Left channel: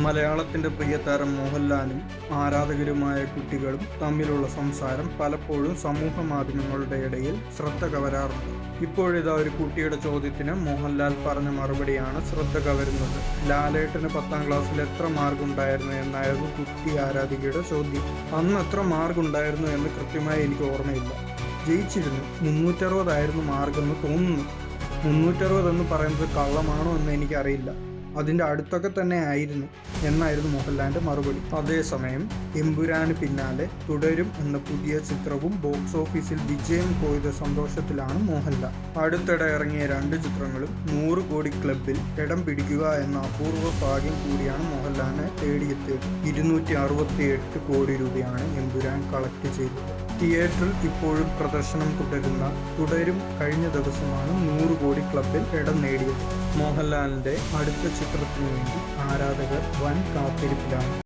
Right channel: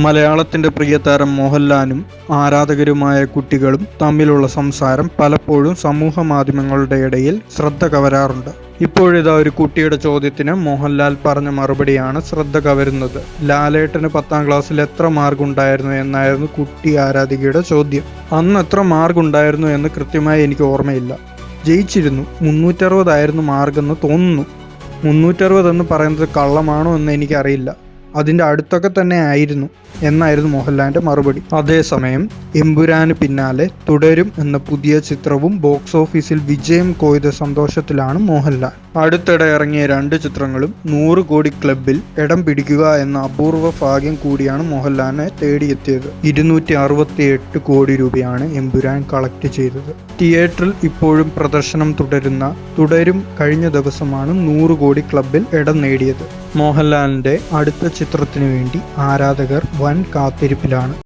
മലയാളത്തിന്റെ പ്രിയതാരം മോഹൻലാലും ആരാധകരുമായ കുട്ടികളും തമ്മിലുള്ള സംസാരം പലപ്പോഴും സമൂഹ മാധ്യമങ്ങളുടെ ഇടയിൽ ശ്രദ്ധ കവരാറുണ്ട്. ഇപ്പോഴിതാ ഒരു കുട്ടിയുടെ ചോദ്യത്തിന് മോഹൻലാൽ പറഞ്ഞ മറുപടിയാണ് ശ്രദ്ധ കവരുന്നത്. ലാലേട്ടന് 10ാം ക്ലാസ്സിൽ എത്ര മാർക്ക് ഉണ്ടായിരുന്നു എന്നായിരുന്നു കുട്ടി ആരാധികയുടെ ചോദ്യം. അന്ന് എത്ര മാർക്ക് ഉണ്ടായിരുന്നു എന്ന് കൃത്യമായി എനിക്ക് ഓർമ്മയില്ല. ജയിച്ചിരുന്നു, 360 ആയിരുന്നു മാർക്കെന്ന് തോന്നുന്നു. 360 എന്ന് പറയുന്നത് കള്ളമാണോ എന്ന് എനിക്കറിയില്ല. അതിൻ്റെ അടുത്തൊക്കെ തന്നെ ആയിരുന്നു എന്നായിരുന്നു മോഹൻലാലിൻ്റെ മറുപടി. അതേസമയം എമ്പുരാന് പിന്നാലെ തുടരും എന്ന പുതിയ ചിത്രവും ബോക്സ് ഓഫീസിൽ വിജയം കൊയ്ത സന്തോഷത്തിലാണ് മോഹൻലാൽ. അടുത്തിടെ ഇറങ്ങിയ 2 ചിത്രങ്ങളും 100 കോടി ക്ലബിൽ ഇടം പിടിക്കുക എന്ന അപൂർവ ഭാഗ്യം കൂടിയാണ് മോഹൻലാലിനെ തേടിയെത്തിയത്. 268 കോടി രൂപയാണ് എമ്പുരാൻ കളക്ട് ചെയ്തത്. തിയേറ്ററിൽ ഇപ്പോഴും പ്രദർശനം തുടരുന്ന തുടരും കഴിഞ്ഞ ദിവസമാണ് 100 കോടി ക്ലബിൽ ഇടം നേടിയത്. മോഹൻലാലിൻ്റെ അടുത്ത ചിത്രത്തിനു വേണ്ടി ആരാധകർ വൻ കാത്തിരിപ്പിലാണ്.